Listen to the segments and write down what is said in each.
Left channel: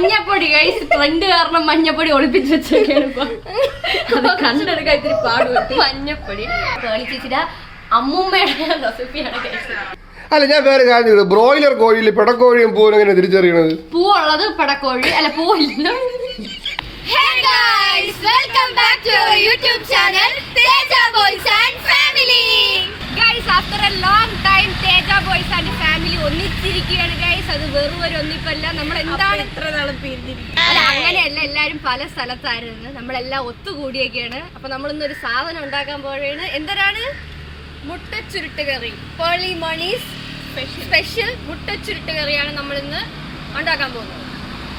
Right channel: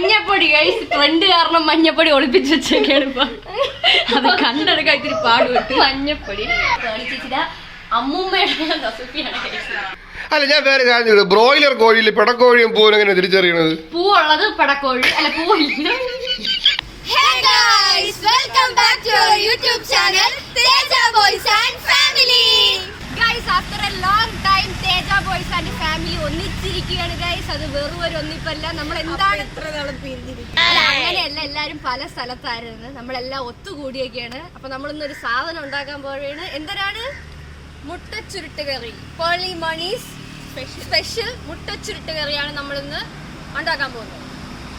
മഞ്ഞപ്പൊടി guys trend കാരണം മഞ്ഞപ്പൊടി ഒളിപ്പിച്ച് വെച്ചൊക്കെയാണ് ഇപ്പൊ. അത് കണ്ടെടുക്കാൻ ഇത്തിരി പാടുപെട്ടു. മഞ്ഞപ്പൊടി ചേച്ചിയുടെ അമ്മൂമ്മയുടെ റെസിപ്പിയാണ് ഗൈസ്. അല്ല ഞാൻ വേറെ കാര്യം, ബ്രോയിലർ കോഴിയിൽ പിടക്കോഴിയും പൂവും എങ്ങനെ തിരിച്ചറിയണത്? പൂവുള്ളത് പിടക്കോഴി അല്ല, പൂവില്ല. Hey guys, welcome back to our YouTube channel Teja Boys and Family. Guys, after a long time Teja Boys and Family ഒന്നിച്ചിരിക്കുകയാണ് guys. അത് വെറും ഒരു ഒന്നിപ്പല്ല, നമ്മൾ എന്താണ് ഇത്ര നാളും പിരിഞ്ഞിരിക്കുന്നത്. അങ്ങനെയല്ല, എല്ലാരും പല സ്ഥലത്തായിരുന്നു, നമ്മളെല്ലാം ഒത്തുകൂടിയൊക്കെയാണ്. അപ്പൊ നമ്മളിന്നൊരു സാധനം ഉണ്ടാക്കാൻ പോവുകയാണ്. എന്തരാണ്? മുട്ടച്ചുരുട്ട് കറി. പേർലി മണീസ് സ്പെഷ്യൽ മുട്ടച്ചുരുട്ട് കറിയാണ് നമ്മളിന്ന് ഉണ്ടാക്കാൻ പോകുന്നത്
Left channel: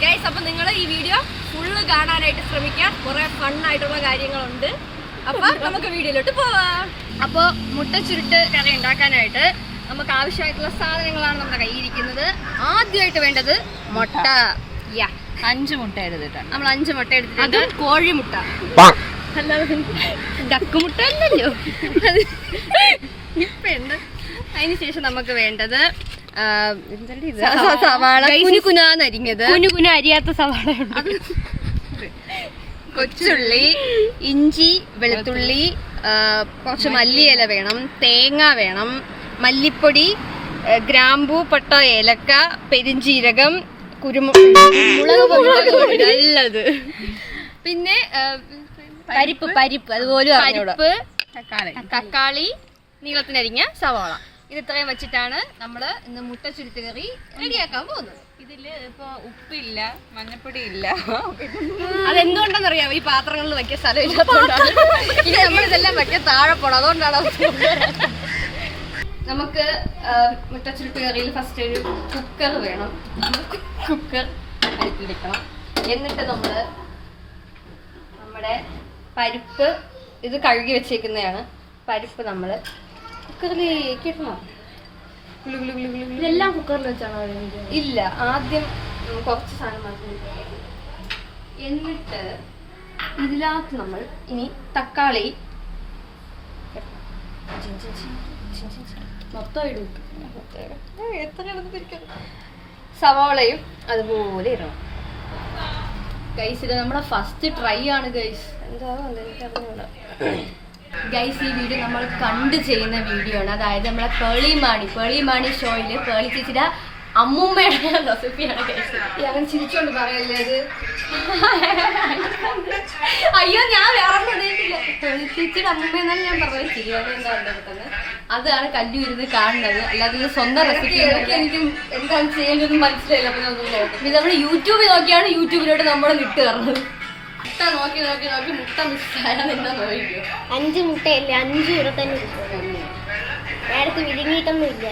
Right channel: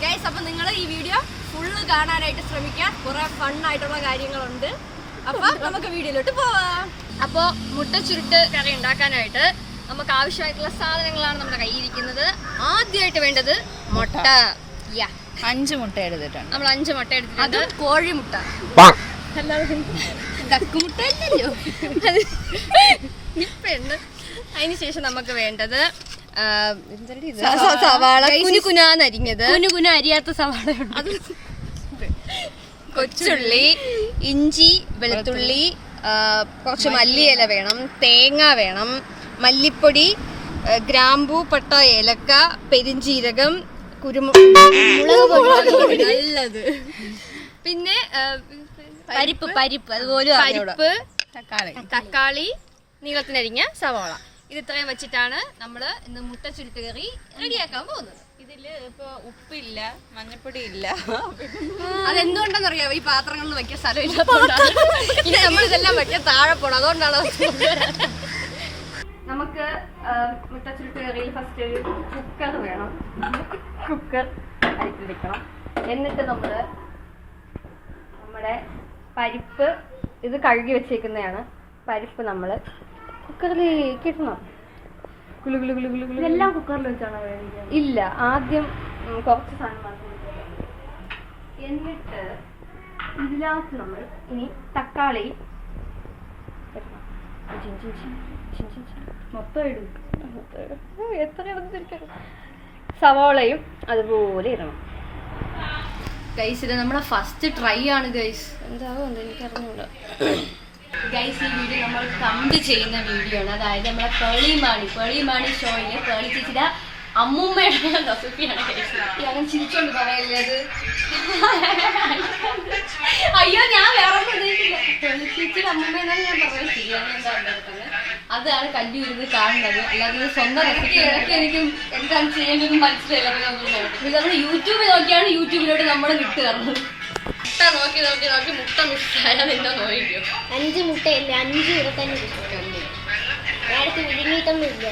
ഗൈസ്. അപ്പൊ നിങ്ങൾ ഈ വീഡിയോ ഫുള്ള് കാണാനായിട്ട് ശ്രമിക്കാം, കുറെ ഫണ്ണായിട്ടുള്ള കാര്യങ്ങളുണ്ട്. അപ്പൊ നമുക്ക് വീഡിയോയിലോട്ട് പോവാം. അപ്പോൾ മുട്ടച്ചുരുട്ട് കറി ഉണ്ടാക്കാനായിട്ട് നമുക്ക് ആവശ്യമായിട്ടുള്ള സാധനങ്ങളാണ് നമ്മുടെ കയ്യിരിക്കുന്നത്. ആദ്യമായിട്ട് വേണ്ടത് മുട്ട. 5 മുട്ട എടുത്തിട്ടാണ് നമ്മൾ 5 മുട്ട എടുത്തിട്ടുണ്ട്. കോഴിമുട്ട, അല്ലാതെ ഡക്കുമുട്ട അല്ലല്ലോ. ഇപ്പൊ ഉണ്ട്. അതിനുശേഷം നമുക്ക് വേണ്ടത് സവാള, കുനുകുനാന്നരിഞ്ഞത്. കുനുകുന അരിയാത്ത സവാള, കൊച്ചുള്ളി, ഇഞ്ചി, വെളുത്തുള്ളി, കുറച്ച് മല്ലിയില വേണം, തേങ്ങ വേണം, മല്ലിപ്പൊടി, ഗ്രാമ്പൂ, പട്ട, ഏലക്ക, പെരിഞ്ചീരകം, കുരുമുളക് നല്ലത്, പിന്നെ പരിപ്പ് അതുപോലെ പരിപ്പ്, തക്കാളി, നീളത്തിനരിഞ്ഞ സവാള. ഇത് ഇത്രയും വെച്ചിട്ടാണ് നമ്മൾ ഇന്ന് മുട്ടച്ചുരുട്ട് കറി റെഡിയാക്കാൻ പോകുന്നത്. ഇതില് ഇപ്പൊ ഉപ്പില്ല, മഞ്ഞപ്പൊടി ഇല്ല. അതെന്തുകൊണ്ടെന്നറിയാമോ? ഈ പാത്രങ്ങളിൽ വെക്കാൻ സ്ഥലമില്ലാത്തതുകൊണ്ടാണ്. ഇനി നമ്മളിതെല്ലാം വെക്കാൻ താഴെ പോണം, അതുകൊണ്ടാണ്. നമുക്ക് മുട്ടച്ചുരുട്ട് കറിയിൽ ഫസ്റ്റ് ഒരു കുക്കർ വേണം. കുക്കർ അരിപ്പിടിക്കണം. എന്നിട്ട് നമ്മുടെ പരിപ്പ്, ഇത് കഴുകി വെച്ചേക്കുന്നതാണ്. പരിപ്പ് നമ്മൾ കുക്കറിലേക്ക് ഇടണം. ഇതെല്ലാം കുക്കറിൽ വെച്ചാണോ? ഇല്ല, ആദ്യം കുറച്ച് സാധനം മാത്രം. എന്നിട്ട് ഇതിനകത്ത് നമ്മൾ ഇനി തക്കാളി മൊത്തം ഇടും. എത്ര ഇടുന്നിരിക്കണം. സവാളയും അതുപോലെ ഇടണം ഗൈസ്. ഇത് നമ്മുടെ ഫസ്റ്റ് ട്രൈ ആണ് ഗൈസ്. എന്താണോ എനിക്കറിഞ്ഞൂടാ ഗൈസ്. ഈ വീഡിയോ നമ്മൾ കണ്ട് ചെയ്യുന്ന വീഡിയോ ആണ്. അതായത് നമ്മളെ പേളി മാണി ഷോയില് പേളി ചേച്ചിയുടെ അമ്മൂമ്മയുടെ റെസിപ്പിയാണ് ഗൈസ്. ഞാൻ ചിരിച്ചോണ്ട് പറയുന്നത്. അയ്യോ, ഞാൻ വേറെ പ്രദേശില്ല. പേളി ചേച്ചിയുടെ അമ്മൂമ്മ എന്നാണ് ഞാൻ പറഞ്ഞത്. ശരിയാണ്, എന്താ ഉണ്ടാക്കുന്നത് അതാണ് കല്ലു ഇരുന്ന് കാണുന്നത്. അല്ലാതെ ഇത് സ്വന്തം റെസിപ്പി എനിക്ക് എന്താണ് ചെയ്യേണ്ടത് മനസ്സിലായില്ല. അപ്പൊ ഇത് നമ്മൾ യൂട്യൂബിൽ നോക്കിയാണ് യൂട്യൂബിലോട്ട് നമ്മൾ വിട്ട് തരുന്നത്. മുട്ട നോക്കി മുട്ട മിസ്സായാൽ എന്താ നോക്കിയോ? 5 മുട്ടയല്ലേ, 5 ഇവിടെ തന്നെ നേരത്തെ വിഴുങ്ങിയിട്ടൊന്നുമില്ല.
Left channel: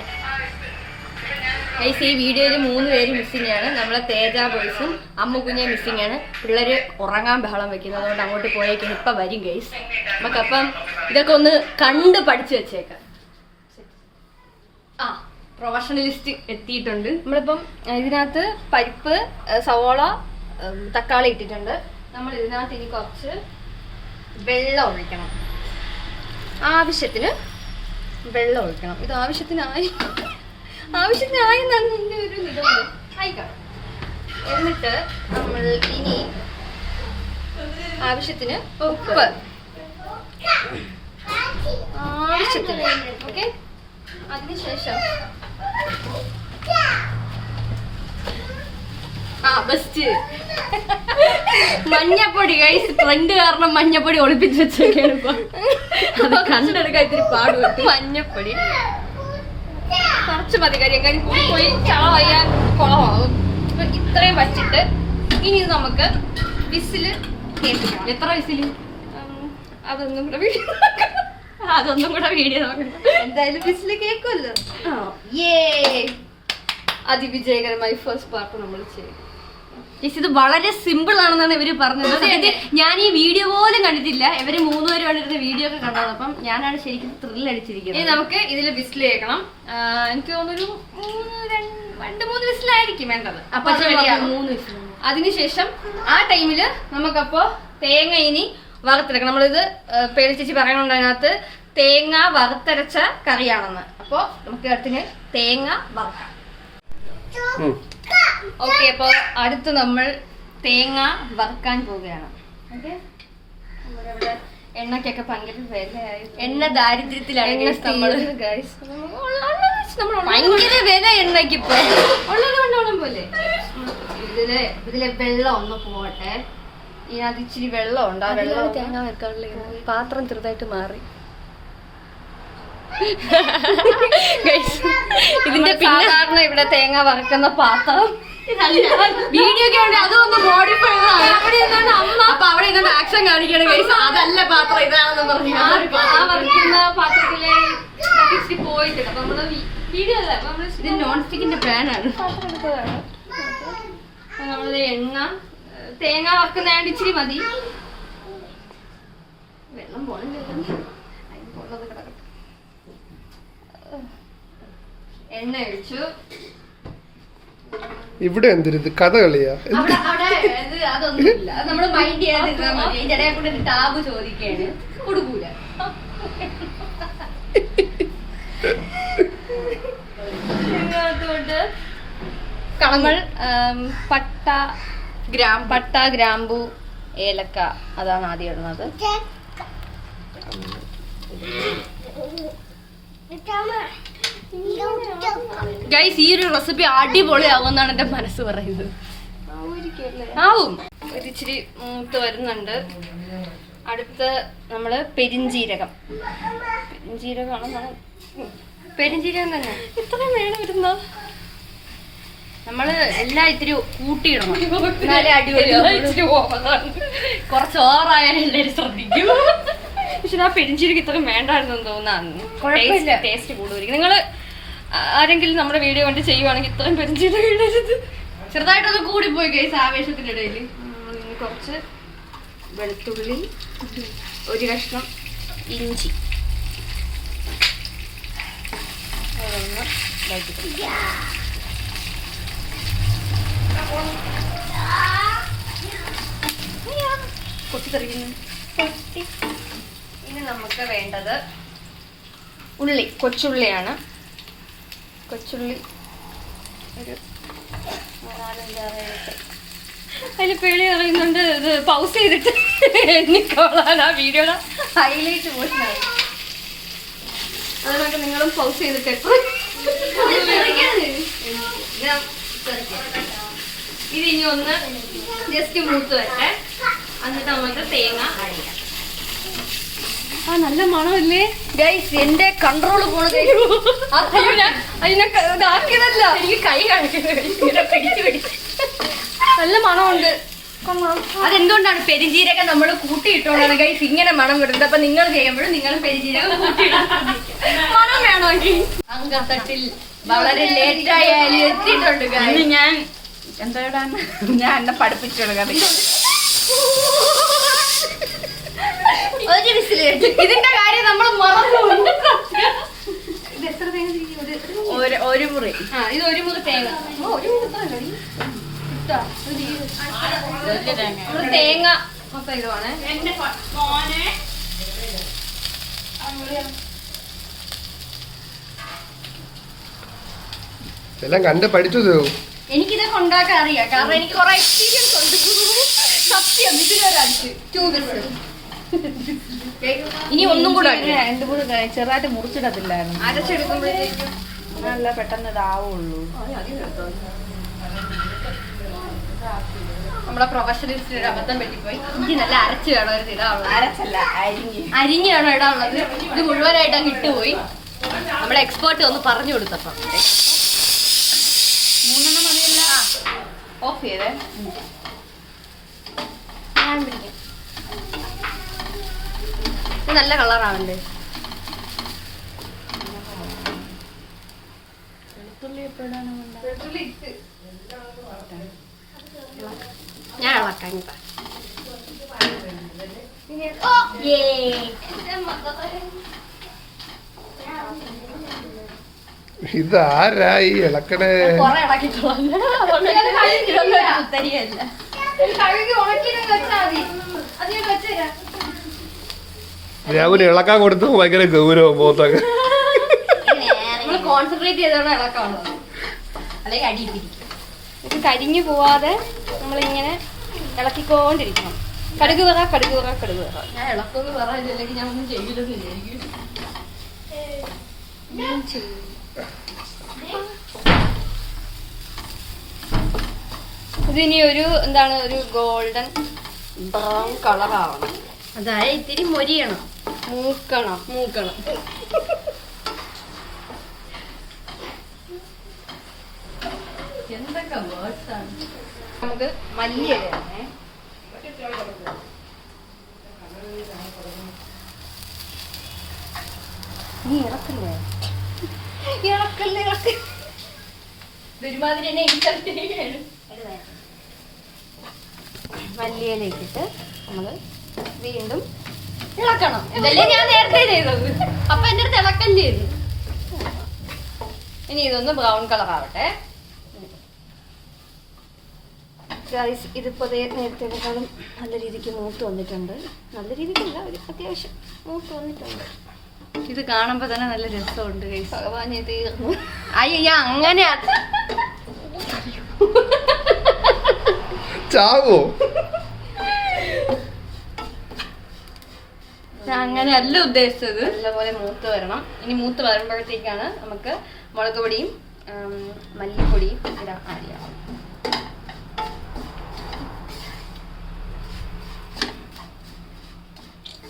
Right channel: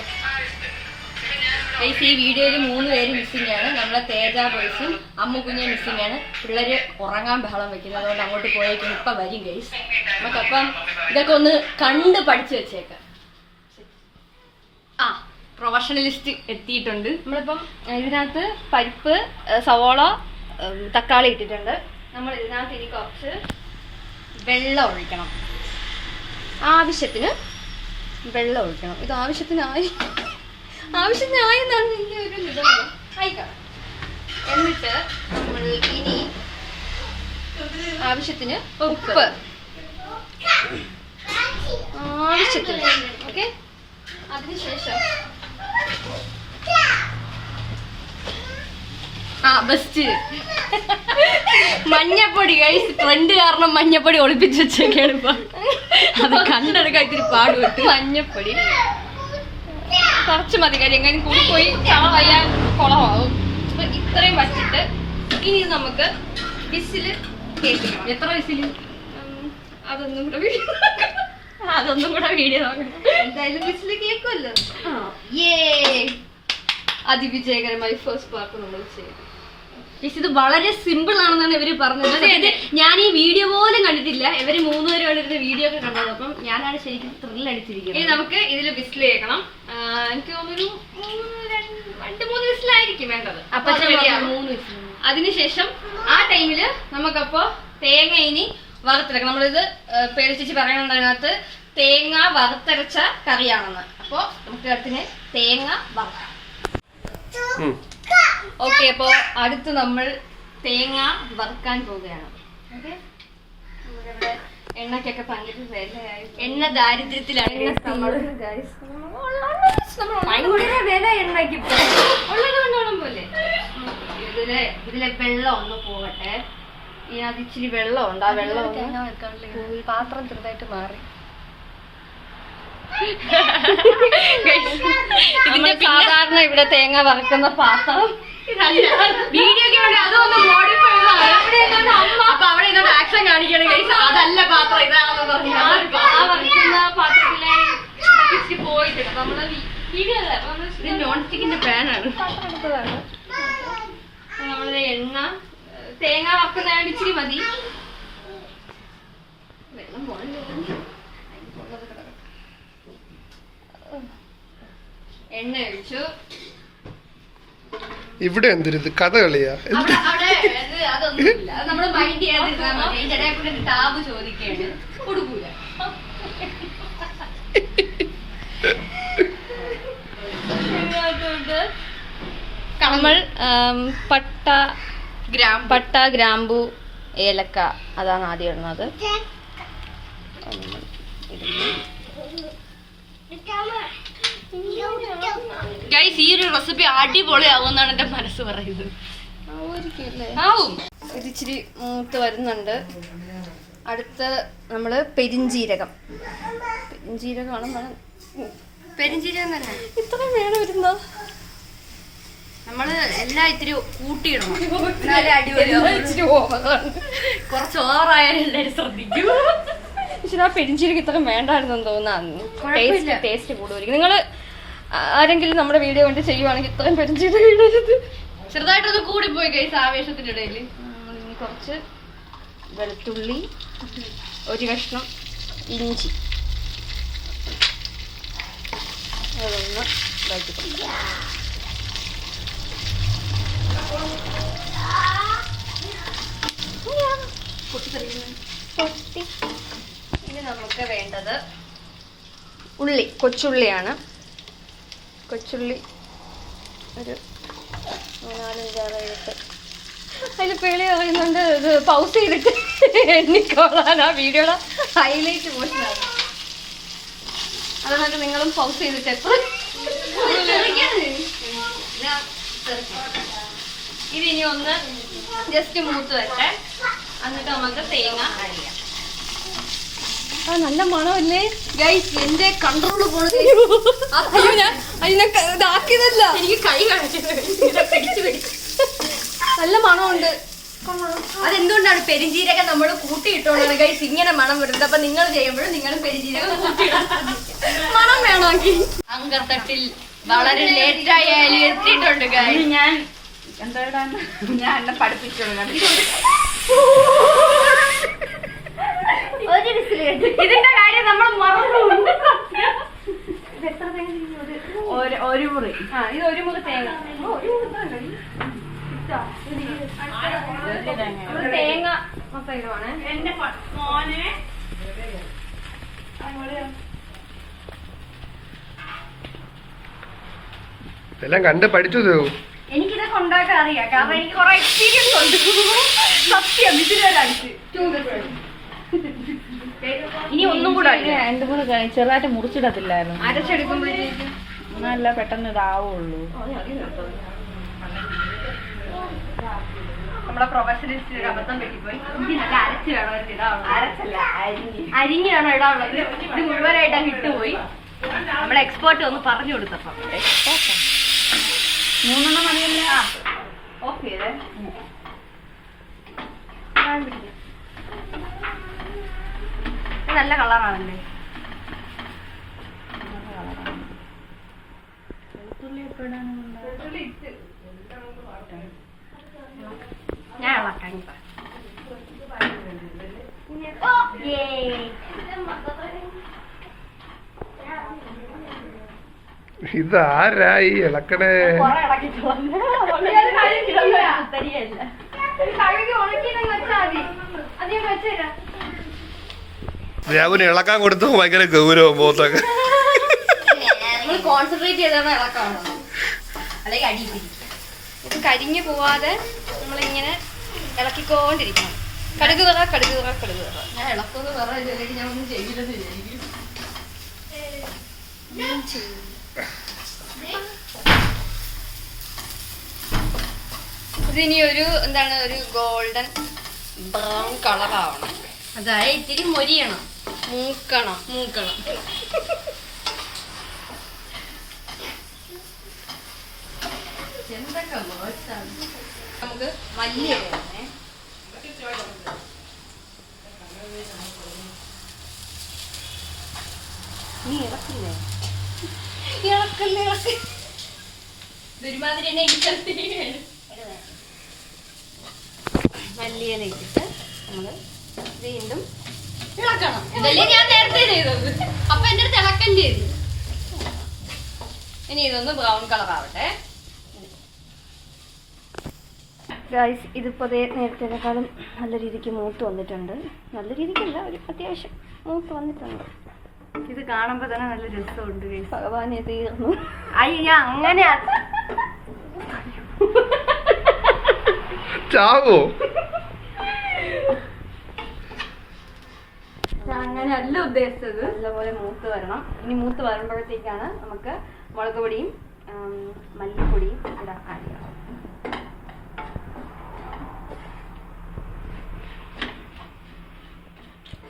ഈ വീഡിയോയിൽ 3 പേര് മിസ്സിംഗ് ആണ്. നമ്മളെ തേജ ബോയ്സും അമ്മുകുഞ്ഞ മിസ്സിംഗ് ആണ്. പിള്ളേര് ഉറങ്ങാൻ ബഹളം വെക്കുന്നത്, അതുകൊണ്ട് അങ്ങോട്ട് പോയേക്കും. ഇപ്പൊ വരും ഗൈസ്. നമുക്കപ്പം ഇതൊക്കെ ഒന്ന് കണ്ട് പഠിച്ചു വെച്ചേക്കാം. പ്രൊഫഷണലിസ്റ്റ് എത്തിയിട്ടുണ്ട്. നമ്മളിപ്പം ഇതിനകത്ത് പരിപ്പ്, സവോള, തക്കാളി ഇട്ടിട്ടുണ്ട്. നമ്മൾ ഇതിനകത്ത് ഇനി കുറച്ച് വെള്ളം ഒഴിക്കണം. ആവശ്യത്തിന് വെള്ളം ഒഴിക്കണം. ഇത് ആവശ്യത്തിനായി എന്നാണ് എൻ്റെ ഒരു നിഗമനം. ആയിക്കണം. എന്നിട്ട് നമ്മൾ ഇനി ആവശ്യത്തിന് ഉപ്പ്, ആവശ്യത്തിന്. ഓക്കെ, അതിനുശേഷം ബെസ്റ്റ് മഞ്ഞപ്പൊടി ഗൈസ്. ട്രെൻഡ് കാരണം മഞ്ഞപ്പൊടി ഒളിപ്പിച്ച് വെച്ചൊക്കെയാണ് ഇപ്പൊ. അത് കണ്ടെടുക്കാൻ ഇത്തിരി പാടുപെട്ടു. മഞ്ഞപ്പൊടി കുറച്ച് മതി, കാര്യം എങ്ങനെ കൂടി പോയി ചളവയ്യാൻ കുളമാകും. അപ്പൊ ഇത്രയും വച്ചിട്ട് ഇനി ഇത് നമുക്ക് വിസില് കേൾക്കണം. എത്ര വിസില്? അതൊന്നും കൂടെ വീഡിയോ നോക്കണം. എന്തായാലും വിസില് കേൾക്കുമല്ലോ. അതിവിജയകരമായി ഫസ്റ്റ് പാർട്ട് നമ്മൾ ചെയ്തു. ഇത് വളരെ സിമ്പിൾ ആണെന്നാണ് ഇവര് പറഞ്ഞത്. ഞാൻ ഈ വീഡിയോ പോലും കണ്ടിട്ടില്ല. ഇവര് 3 പേരും ഇരുന്ന് വീഡിയോ ഒക്കെ കണ്ടത്. അപ്പം ഞാനാണ് ശരിക്കും ത്രില്ല് അടിച്ചിരിക്കുന്നത്. ഇനി നമുക്ക് ഇതിൽ വിസിൽ കേൾക്കണം. എനിക്ക് തോന്നുന്നൊരു 2-3 വിസിലായിരിക്കും വേണ്ടത്. അപ്പൊ 3 വിസിൽ. അതിനുശേഷം ആ ടൈമില് നമുക്കപ്പോ തേങ്ങ ഇനി വറുത്തെടുക്കണം. നമ്മളിത് പേടിച്ചേച്ചി പറയണുണ്ട് അതിനകത്ത് തേങ്ങ വറുത്തരച്ച കറിയാണെന്ന്. അപ്പൊ നമുക്ക് അതിന് തേങ്ങ വറുക്കാം. ഓക്കെ, അപ്പോൾ അടുത്ത് നമ്മൾ തേങ്ങ വറുക്കാൻ പോവുകയാണ്. ഓക്കെ, നമ്മളിവിടെ എണ്ണക്കൊക്കെ ഭയങ്കര വിലയായി. എണ്ണ ദാരിദ്ര്യത്തിലാണ് ഭയങ്കര വില എണ്ണയ്ക്ക് ഇപ്പൊ ഉള്ളതുകൊണ്ടോണം പോലെ. ഇതിലെ വെള്ളം ഒന്ന് പോകട്ടെ. ഇതിനകത്ത് ഇച്ചിരി വെള്ളം ഉണ്ട്. ആ വെള്ളം പാത്രം ചെറുതായിട്ട് മാറി. ഇതിന്റെ സാധാരണ ഇവിടെ തേങ്ങ വറുക്കുന്ന പാത്രം വീഡിയോ അതൊന്ന് മോഡിഫൈ അമ്മ അപ്പൊ അവിടെ ഇതൊന്ന് ആക്ഷൻ കാണിക്കണം. അതല്ല പാത്രം ഇതാണെന്ന് പറഞ്ഞു. ആ വറുക്കുന്ന പാത്രത്തിലെ പോയിട്ടുണ്ട്. അപ്പൊ നമ്മള് വീഡിയോ ഇത് നോൺ സ്റ്റിക്കിന്റെ പാനാണ്. പാത്രം എടുത്തതാണ്. നമ്മള് എണ്ണ തേങ്ങ വറുക്കുന്നതാണ്ട് ഇച്ചിരി മതി. വെള്ളം പോണില്ല, അതിന് പൊള്ളത് കിടക്കട്ടെ. എണ്ണ ഒഴിച്ചു. ഇവിടെ എന്തൊരു കഥ കളിയാ? അതൊന്നുമില്ല, അത് നമ്മള് മൈൻഡ് ചെയ്യാതിരുന്നാൽ മതി. അതിന്റെ ഇടയിൽ കൂടെ ഒരു ടാബ് ചോദിക്കാണ്, കൊടുക്കൂല. നമ്മൾ പട്ട, ഗ്രാമ്പു, ഏലക്ക അതാണ് ആദ്യം ഇടുന്നത്. ഗൈസ്, ഈ ഒരു റെസിപ്പി അടിപൊളിയാകുമെന്നാണ് എന്റെ മനസ്സ് പറയുന്നത്. ആവും, ഒരിച്ചിരി മൂത്ത് വരുന്നുണ്ട്. അടുത്ത് നമ്മള് പെരിഞ്ജീരകമാണ് മണം. പെരിഞ്ജീരകം തന്നെ ഇത്രയും വേണം വരുന്നോ? നമ്മള് എല്ലാം ഇത്തിരി കൂട്ടിയിടണം, അടിപൊളി. കുറച്ച് ഓവറായാലും എല്ലാവരും ശ്രദ്ധിക്കും. പക്ഷെ ആ പെരിഞ്ജീരകം ഇത്രയും വേണ്ടായിരുന്നു തോന്നുന്നു. ടേസ്റ്റ് കൂടുതലായിരിക്കും. നിങ്ങള് ആരെങ്കിലും നമ്മുടെ വീഡിയോ കണ്ട് ചെയ്യുവാണെങ്കിൽ ഇത്രയും പെരിഞ്ജീരകം ഇടരുത്. ചെറുതായിട്ടൊന്ന് കൂടിപ്പോയി ഗൈസ് ആവേശത്തിന്റെ ഇടയിൽ. കുറച്ച് വെളുത്തുള്ളി, ഒരു കഷ്ണം ഇഞ്ചി, അതൊന്ന് ഇനി നമുക്ക് വേണ്ടത് ഉള്ളി, കൊച്ചുള്ളിയാണ്. കൊച്ചുള്ളി ഒരു 4-5 അതിൽ പേളി പറയുന്നുണ്ട്. ഇത് പൗസ് ചെയ്തിട്ട് എണ്ണിക്കോളാൻ ആ വീഡിയോയുടെ ഹൈലൈറ്റ് പോഷനാണ്. അതുകൊണ്ട് നിങ്ങളും പൗസ് ചെയ്തിട്ട് എത്ര ഇത് ഇനി ഒന്ന് ജസ്റ്റ് മൂത്ത് വരട്ടെ. എന്നിട്ട് നമുക്ക് തേങ്ങ അരിയാം. ആ നല്ല മണമല്ലേ ഗൈസ്? എന്റെ കൺട്രോള് പോണത് ഇതാക്കിയതല്ല, എനിക്ക് കൈ കാണിക്കുന്നത്. നല്ല മണമുണ്ട്. അതെന്തുകൊണ്ടാണ് പെരിഞ്ജീരകം നമ്മൾ കൂട്ടിയിട്ടോണ്ടാണ് ഗൈസ് ഇങ്ങനെ മണം വരുന്നത്. അപ്പൊ നിങ്ങൾ ചെയ്യുമ്പോഴും നിങ്ങൾ പെരിഞ്ജീരകം കൂട്ടിയിടാൻ മണം വേണമെങ്കിൽ. അങ്കത്തട്ടിൽ വളരെ ലേറ്റായാലും എത്തിയിട്ടുണ്ട് ഗൈസ്. ഞാൻ എന്തായിടാൻ ഞാൻ എന്നെ പഠിപ്പിച്ചു കൊടുക്കാം. ഒരു വിസിൽ കേട്ടു. ഇതിന്റെ കാര്യം നമ്മൾ മറന്നു. ഇത് എത്ര തേങ്ങ? ഒരു മുറി. ആ, ഇത് ഒരു മുറി തേങ്ങ. തേങ്ങ മൊത്തം ഇടുവാണ്. എല്ലാം കണ്ട് പഠിച്ചു. എനിക്കിതൊക്കെ ഉണ്ടാക്കാൻ അറിയാം, കാരണം എനിക്ക് കുറെ എക്സ്പീരിയൻസ് ഉണ്ട്. സത്യം, ഇതിലൊരടിച്ച് 2 വിസിൽ. ഇനി ഒന്നും കൂടെ 2-3 ചെറുതായിട്ട് മുറിച്ചിടത്തില്ലായിരുന്നു. അരച്ചെടുക്കുമ്പോഴേക്കും നല്ല പെട്ടെന്ന് ഇതാവുള്ളൂ. നമ്മുടെ പ്രൊഫഷണലിസ്റ്റിന് അബദ്ധം പറ്റിപ്പോയി. ഇഞ്ചി നല്ല അരച്ച് വേണം ഇടാവുള്ളൂ. അരച്ചല്ല, അരിഞ്ഞ് വേണം ഇടാനുള്ളത്. ഇത് മുഴുവനായിട്ട് അങ്ങ് ഇട്ടുപോയി. നമ്മുടെ എക്സ്പേർട്ട് ഒന്ന് പറഞ്ഞു കൊടുത്തപ്പം 3 മണിയല്ല. ഓഫ് ചെയ്തേ. ഇത് നല്ല കളറാണല്ലേ? ഞാൻ ഇളക്കാൻ ഇതാരായി ഇളക്കണേ? കൊറേ ഇളക്കിട്ടോളാം. രാവിലെ ഇളക്കാൻ കൊടുത്തു ഭയങ്കര ഗൗരവം പോത്തൊക്കെ. കോൺസെൻട്രേറ്റ് ചെയ്താണ് ഇളക്കാണ്, അല്ലെങ്കിൽ അടിയിപ്പിക്കും. കരിഞ്ഞു പോവാതെ നമ്മളിങ്ങനെ ഇളക്കിക്കൊണ്ടിരിക്കണം. കടുക് പറ. ഞാൻ ഇളക്കൊന്ന് പറയാനില്ലെങ്കിൽ ഞാൻ ഒന്നും ചെയ്തില്ലെന്ന് വിചാരിക്കും. ഇതിനി ഒരു ഗോൾഡൻ ബ്രൗൺ കളർ ആവണം. അതായത് ഇത്തിരി മൊരിയണം, മൂക്കണം. എന്തൊക്കെ വേർഡ്സാണ്. നമുക്ക് മല്ലിയില ഇടണേ. നീ ഇളക്കല്ലേ? ഒരുമാതിരി എന്നെ ഇരിക്കാൻ മല്ലിയില ഇട്ടിട്ട് നമ്മള് വീണ്ടും ഇളക്കണം. ഇതല്ലേ ഞാൻ നേരത്തെ ചെയ്തത്. അപ്പൊ എന്റെ അടുത്ത് ഇളക്കം ചെയ്തു. ഇനി ഇതൊന്ന് ബ്രൗൺ കളർ ആവട്ടെ. ഗൈസ്, ഇതിപ്പോ നേരത്തേക്കാളും നല്ല രീതിക്ക് മൂത്ത് വന്നിട്ടുണ്ട്. നല്ല രീതിക്കല്ല, ഒരു അത്യാവശ്യം മൂത്ത് വന്നിട്ടുണ്ട്. ഇത് കാണുമ്പോ തന്നെ നല്ല രസമുണ്ട്. ഭഗവാൻ തീർന്നു. അയ്യ, അങ്ങനെ ചാവോ? അങ്ങനെയല്ല ഉദ്ദേശിച്ചത്. നല്ലപോലെ മൂത്ത് വരണം. ഇനി മൂത്ത് വരുമ്പോഴത്തേക്കാണ് നമുക്ക് മുളക് പൊടിയും മല്ലിപ്പൊടിയും ഇവിടെ ആഡ് ചെയ്യാം.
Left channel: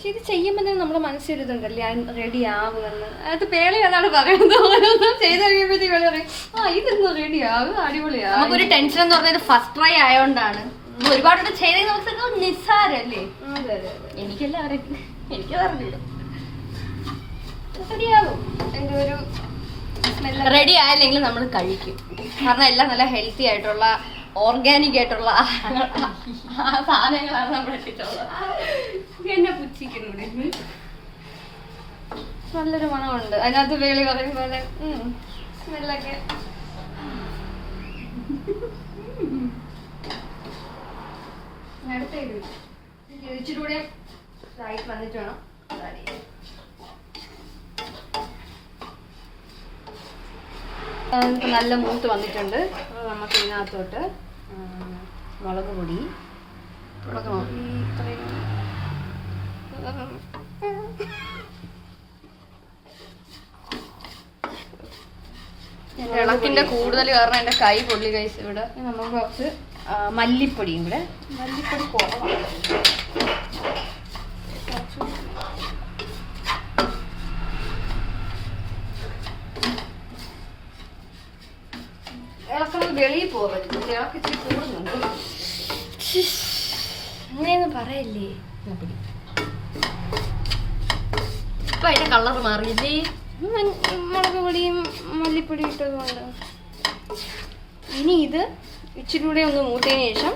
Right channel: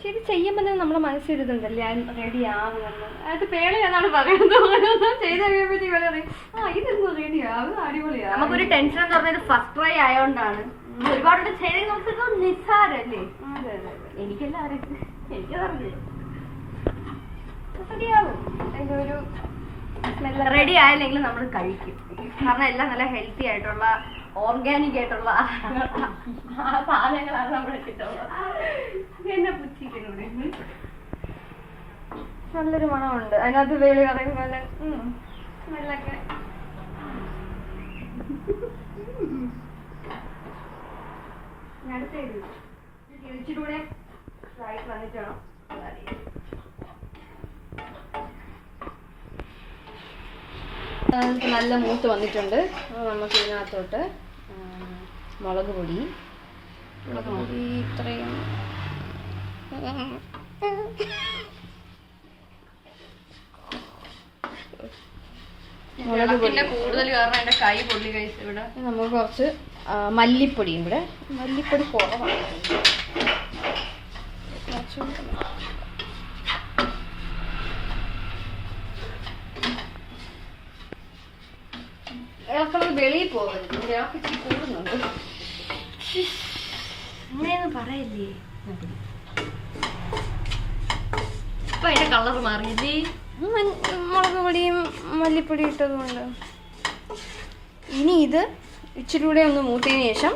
ഇത് ചെയ്യുമ്പോൾ തന്നെ നമ്മുടെ മനസ്സിലിതുണ്ടല്ലേ, റെഡി ആവുമെന്ന്. അത് പേളി അതാണ് പറയുന്നത്. ഓരോന്നും ചെയ്ത് കഴിയുമ്പോഴത്തേക്ക് പേളി പറയും, ഇതൊന്നും റെഡി ആവും, അടിപൊളിയാവും. നമുക്കൊരു ടെൻഷൻ എന്ന് പറഞ്ഞത് ഫസ്റ്റ് ട്രൈ ആയോണ്ടാണ്. ഒരുപാട് ചെയ്ത് നോക്കുന്നത് നിസ്സാരല്ലേ? അതെ. എനിക്കെല്ലാം അറിയാം, എനിക്കതറിയില്ല. റെഡിയാവും. എൻ്റെ ഒരു സ്മെല്ല് റെഡി ആയില്ലെങ്കിൽ നമ്മൾ കഴിക്കും. കാരണം എല്ലാം നല്ല ഹെൽത്തി ആയിട്ടുള്ള ഓർഗാനിക് ആയിട്ടുള്ള സാധനങ്ങളാണ് നമ്മൾ ഇട്ടിട്ടുള്ളത്. എന്നെ പുച്ഛിക്കുന്നത്. നല്ലൊരു മണമുണ്ട് അതിനകത്ത്. വേളി പറയും പോലെ സ്മെല്ലൊക്കെ. ഇച്ചിരി കൂടെ ലൈറ്റ് വന്നിട്ട് വേണം. നല്ല മൂത്ത് വന്നിട്ടുണ്ട്. നമുക്ക് ഇതിനകത്തോട്ട് മുളക് പൊടി ഇത്രയും ഇളക്കിന്റെ കൂടുതൽ കാരണം എന്റെ കൈ പൊള്ളി കഴിച്ചു. ഇവിടെ നമുക്ക് കുറച്ച് മല്ലിപ്പൊടിയും കൂടെ. മല്ലിപ്പൊടി കുറവാണ്. ഇളക്കം വെളിയിൽ പോകരുത്. ഇളക്കി ഇച്ചിരി കൂടുന്നുണ്ട്. അങ്ങനെയൊന്നും പറയില്ലേ. ഇപ്പൊ അതിന്റെ കളർ മാറിയില്ലേ? മുളക് പൊടിയും മല്ലിപ്പൊടിയും ഇട്ടതുകൊണ്ട്. ഇനി ഇത് ഇച്ചിരി കൂടെ ഒന്ന് മൂത്തതിന് ശേഷം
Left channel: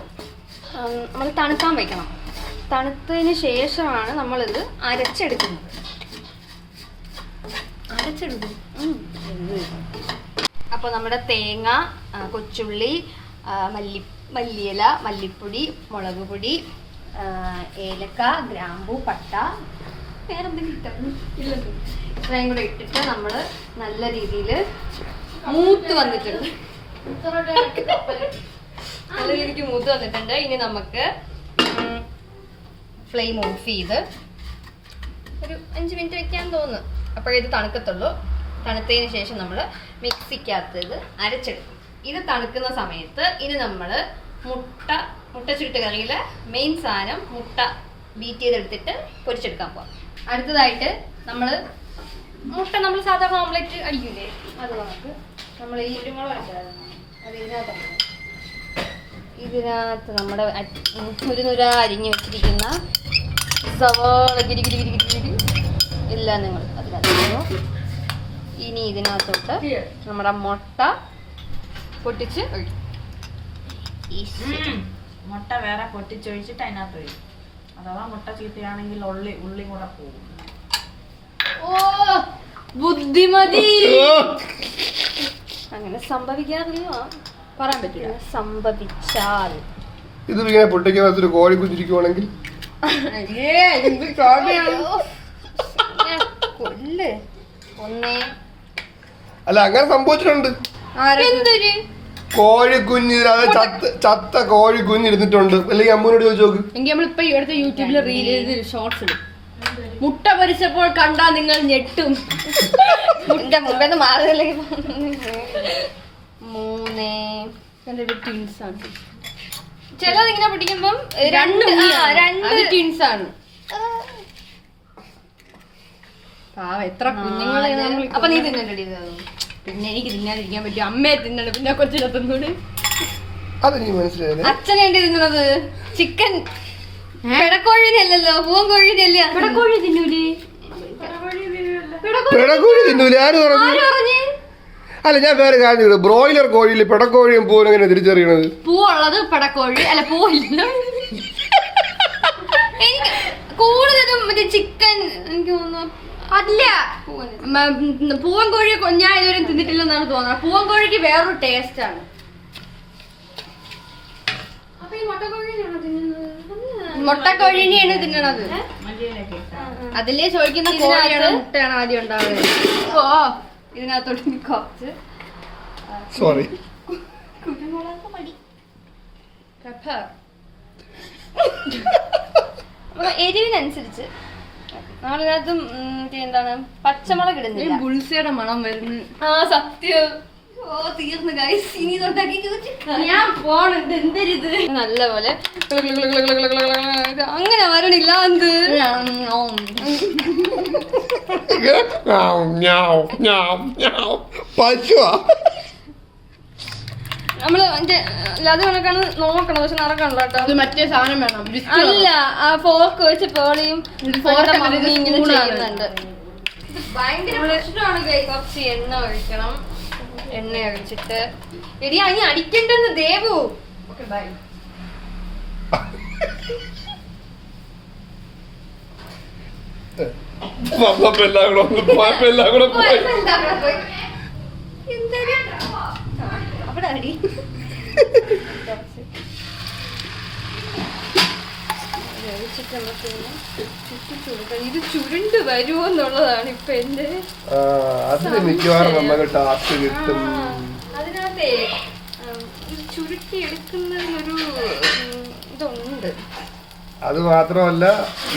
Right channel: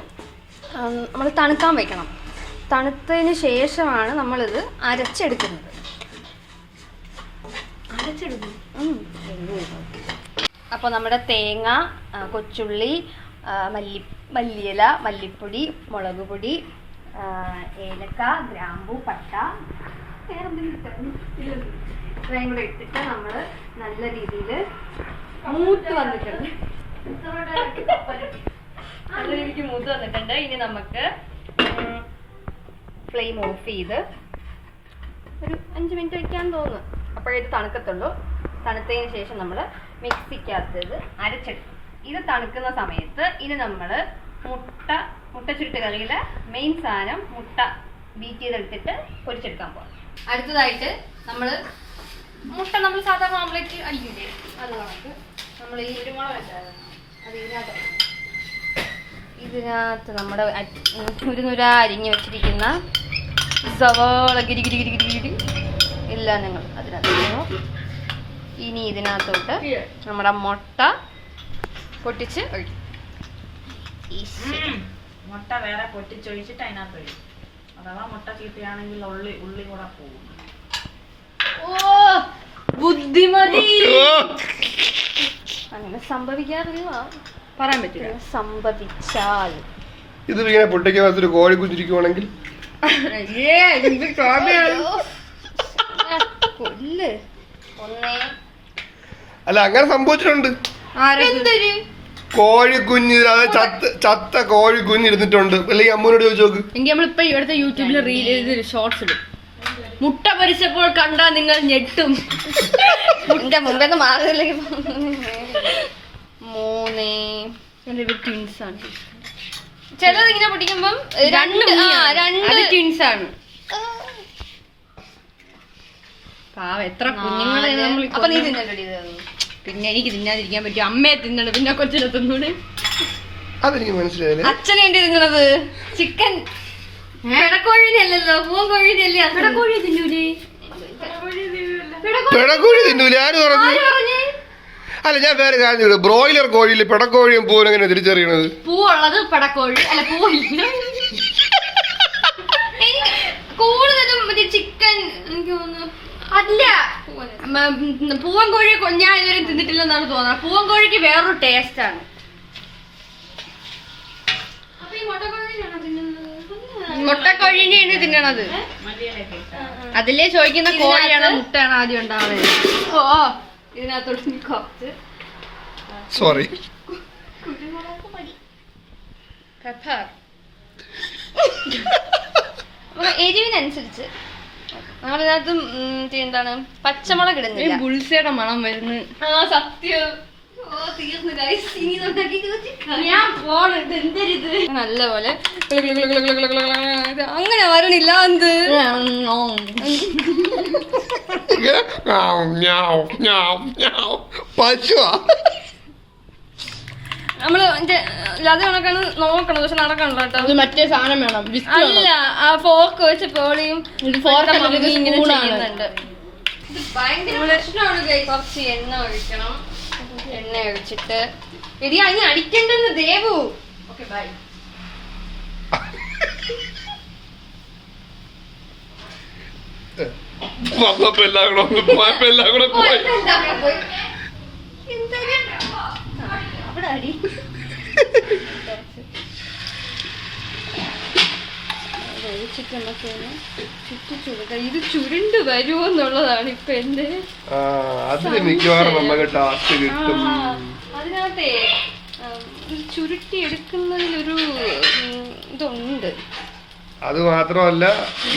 നമ്മൾ തണുക്കാൻ വയ്ക്കണം. തണുത്തതിന് ശേഷമാണ് നമ്മളിത് അരച്ചെടുക്കുന്നത്. അപ്പോൾ നമ്മുടെ തേങ്ങ, കൊച്ചുള്ളി, മല്ലിയില, മല്ലിപ്പൊടി, മുളക് പൊടി, ഏലക്ക, ഗ്രാമ്പൂ, പട്ട, വേറെന്തെങ്കിലും ഇട്ടു ഇത്രയും കൂടെ ഇട്ടിട്ട് നമ്മൾ നല്ല രീതിയിൽ മൂത്ത് വന്നിട്ടുണ്ട്. നല്ല രീതിക്ക് മൂത്ത് വന്നിട്ടുണ്ട്. ഇനി നമുക്ക് ഫ്ലെയിം ഓഫ് ചെയ്ത് ഒരു 5 മിനിറ്റ് വെക്കാൻ തോന്നുന്നു. അപ്പോഴേ ഇത് തണുക്കത്തുള്ളൂ. തണുത്തതിന് ശേഷം നമ്മൾ മിക്സിക്കകത്ത് ഇത് അരച്ചെടുക്കും. ഇത് തണുക്കുന്ന സമയത്ത് ഇനി നമ്മൾ മുട്ട ചുരുട്ട് കറിയിലെ മെയിൻ സാധനം മുട്ട ബീറ്റ് ചെയ്തെടുത്തിട്ട് പൊരിച്ചെടുക്കാൻ പോകാം. അടുത്തതായിട്ട് മുട്ട നമ്മൾ സാധാരണ ഓംലെറ്റ് അടിക്കില്ലേ, അത് കണക്ക് നമ്മൾ ഈ അത് ഇതിനകത്ത് നമ്മുടെ ഒരു അരിഞ്ഞ് വെച്ചിരിക്കുന്ന സവാള ഗിരി ഇല്ല നിങ്ങൾ അതിനകത്ത്. ഇനി ഇതിനകത്തോട്ട് നമ്മുടെ മുട്ട പൊട്ടിച്ച് ഒഴിക്കും. മുട്ട വേറെ പൊട്ടിച്ചൊഴിച്ചിട്ട് അതിനകത്ത് ഒഴിക്കും. അഥവാ മുട്ട ചീത്തയാണെങ്കിൽ ഉള്ളി കൂടെ പോകും. ഓ ബുദ്ധിമതി. അങ്ങനെ സംഭവിക്കാറില്ല, പറയാൻ പറ്റില്ല. സംഭവിച്ചാൽ ഇത് ഇങ്ങനെ പൊട്ടിക്കാൻ ഒരു കോഴി കുഞ്ഞിരിക്കുവാണെങ്കിൽ കൊല്ല് ഒന്നേ. അല്ല അങ്ങനെ സംഭവിച്ചിട്ടുണ്ട്. എന്തൊരു കോഴിക്കുഞ്ഞ് അത് ചത്ത കോഴിക്കുഞ്ഞ് ഇരുന്നിട്ടുണ്ട്. അല്ലെങ്കിൽ അമ്മൂനോട് ചോദിച്ചു നോക്ക്. എങ്കിൽ നമ്മളിപ്പോ ഇവിടുത്തെ യൂട്യൂബിൽ റീൽ ഷോർട്സ് ഇടും. മുട്ട പൊരിച്ചപ്പോൾ കണ്ടാ നിങ്ങൾ ഞെട്ടും. എന്റെ മുമ്പേന്ന് മാറുന്നില്ലെങ്കിൽ 3 ട്വിൻസ് ആണ്. ചിലത് ഇങ്ങനെ പൊട്ടിക്കുമ്പം രണ്ട് ട്വിൻസ് ആണ്. എത്ര കുഞ്ഞുങ്ങളെ അപ്പൊ നീ തിന്നല്ലേ? പിന്നെ എനിക്ക് തിന്നാതിരിക്കാൻ പറ്റും. അമ്മയെ തിന്നണം, പിന്നെ കൊച്ചിനെ തിന്നൂടെ. അതെനിക്ക് മനസ്സിലായില്ലേ. അച്ഛനെന്റെ തിന്നണത് ചിക്കൻ പിടക്കോഴിനെ അല്ലല്ലോ, പൂവൻ കോഴിനെ അല്ലേ? പിടക്കോഴി തിന്നൂലേ? പിടക്കോഴി തിന്നൂലേ? ആര് പറഞ്ഞു? അല്ല, ഞാൻ വേറെ കാര്യം, ബ്രോയിലർ കോഴിയിൽ പിടക്കോഴിയും പൂവും എങ്ങനെ തിരിച്ചറിയണത്? പൂവുള്ളത് പിടക്കോഴി അല്ല, പൂവില്ല. എനിക്ക് കൂടുതലും മറ്റേ ചിക്കൻ എനിക്ക് തോന്നുന്നു. അല്ല, പൂവൻ കോഴി ഞാൻ ഇതുവരെ തിന്നിട്ടില്ലെന്നാണ് തോന്നുന്നത്. പൂവൻ കോഴിക്ക് വേറൊരു ടേസ്റ്റ് ആണ്. അപ്പൊ ഈ മുട്ടക്കോഴിനെയാണോ തിന്നുന്നത്? മുട്ടക്കോഴിനെയാണ് തിന്നണത്. അതിലേ ചോദിക്കുന്ന കോഴിയാണോ മുട്ടയാണ് ആദ്യം ഉണ്ടാവുന്നത്. ഓ, ഇതിനകത്തോട്ട് കുറച്ച് സോറി. എരിവിനനുസരിച്ച് നമ്മളിതിനകത്ത് എന്താണ് പച്ചമുളക് ഇടുന്നില്ല. ബുൾസയുടെ മണം വരുന്നു. ആ സത്യം. ഓ തീർന്നു ഗൈസ്. ഇനി തൊട്ടാക്കി ഞാൻ പോണത് എന്തരിത് നല്ലപോലെ അങ്ങനെ വരണില്ല. എന്ത് പശുവാ നമ്മള് അത് കണക്കാണ് നോക്കണം, പക്ഷെ നടക്കണല്ലോ കേട്ടോ. അത് മറ്റേ സാധനം വേണം. അല്ല, ആ ഫോർക്ക് വെച്ച് പോളിയും ഇങ്ങനെ ചെയ്യുന്നുണ്ട്. ഇത് ഭയങ്കര പ്രശ്നമാണ് കൈ. കുറച്ച് എണ്ണ ഒഴിക്കണം. എണ്ണ ഒഴിച്ചിട്ട് എടി അനി അടിക്കണ്ടെന്ന് ദേവു. Okay bye. എല്ലാം കൂടെ പോയി. അവിടെ അടി ഇത് ചുരുണ്ട് വരുമോ എന്നുള്ളതാണ് ഇപ്പൊ എന്റെ. അതിന് മിക്കവാറും നമുക്ക് ടാസ്ക് കിട്ടും. അതിനകത്തെ ചുരുട്ടി എടുക്കുന്നതിലൊരു ഇതുണ്ട്. അത് മാത്രമല്ല,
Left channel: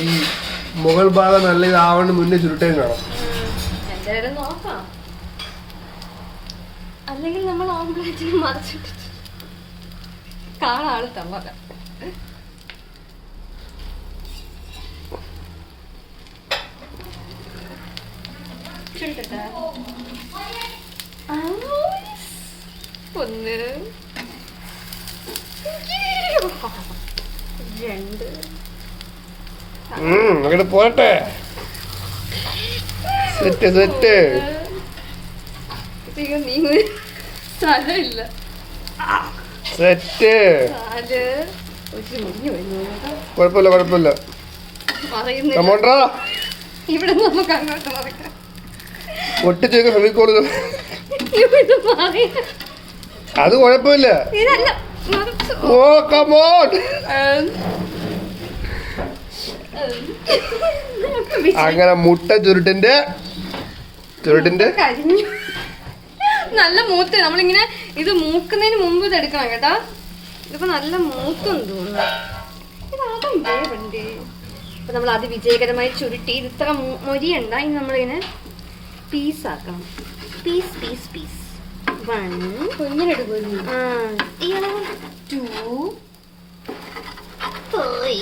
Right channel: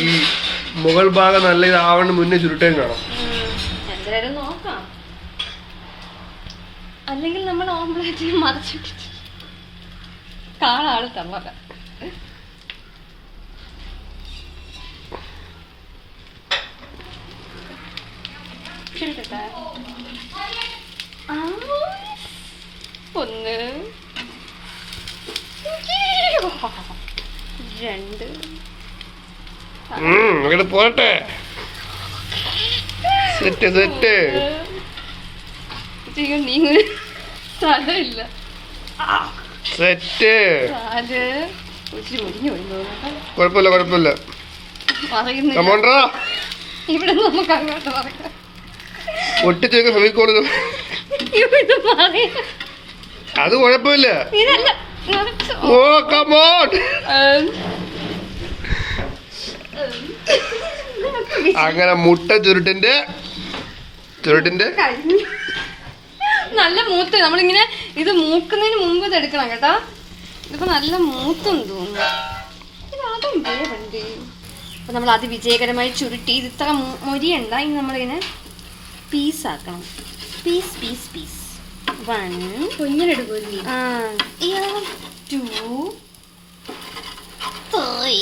ഈ മുകൾ ഭാഗം നല്ല ഇതാവണ്ട് മുന്നേ ചുരുട്ടേം കാണാം. എന്തായാലും നോക്കാം. അല്ലെങ്കിൽ നമ്മൾ ഓംപ്ലേറ്റിൽ മറച്ചിട്ടിട്ട് കാണാള് തമ്മ. ഒന്ന്, രണ്ട്, അങ്ങനെ പോരട്ടെ. Set set. നീ സ്ഥലമില്ല. സെറ്റ്. അത് ഒത്തിരി മുടിഞ്ഞു വരുന്നു. കുഴപ്പമില്ല കുഴപ്പമില്ല. കമോണ്ട്രാ. ഇവിടെ നമുക്ക് അങ്ങോട്ട് പറയാം. ഒട്ടിച്ചേക്ക് ഫെവിക്കോൾ. അത് കുഴപ്പമില്ല. ഓ കമോൺ. അങ്ങനെ മുട്ട ചുരുട്ടിന്റെ നല്ല മൂത്ത്. നമ്മളിങ്ങനെ ഇത് മൂക്കുന്നതിന് മുമ്പ് ഇത് എടുക്കണം കേട്ടാ. ഇതിപ്പോ നല്ല മൂത്തെന്ന് തോന്നുന്നു. അതും വേണ്ടേ. അപ്പൊ നമ്മൾ അത് വിജയകരമായി ചുരുട്ടി. ഇത് ഇത്ര മൊരിയണ്ട. ഇനി നമ്മളിങ്ങനെ പീസാക്കണം. Piece piece piece. 1 കുഞ്ഞിനെടുക്കും. 2 3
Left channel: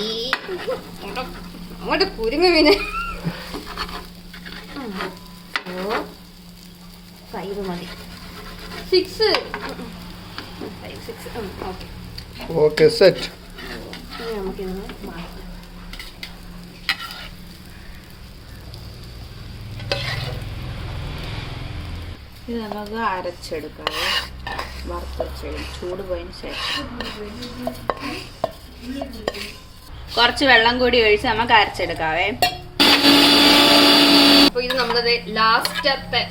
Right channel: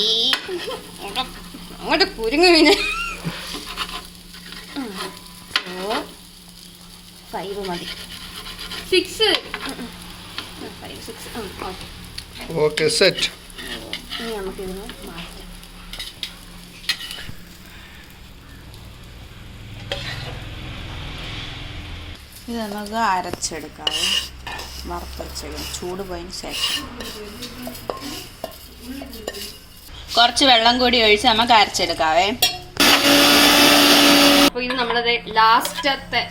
അങ്ങോട്ട് കുരുങ്ങു പിന്നെ. 4 5 മതി. 6 5 6. Okay set. ഇനി നമുക്കിതൊന്ന് മാറ്റാം. ഇത് നമുക്ക് അരച്ചെടുക്കാവേ. വറുത്തരച്ചെടുക്കാം ചൂട് പോയതിന് ശേഷം. കുറച്ച് വെള്ളം കൂടി ഒഴിച്ച് നമുക്ക് അരച്ചെടുക്കാവേ. അപ്പോൾ ഇത് നമ്മളത് ലാസ്റ്റത്തെ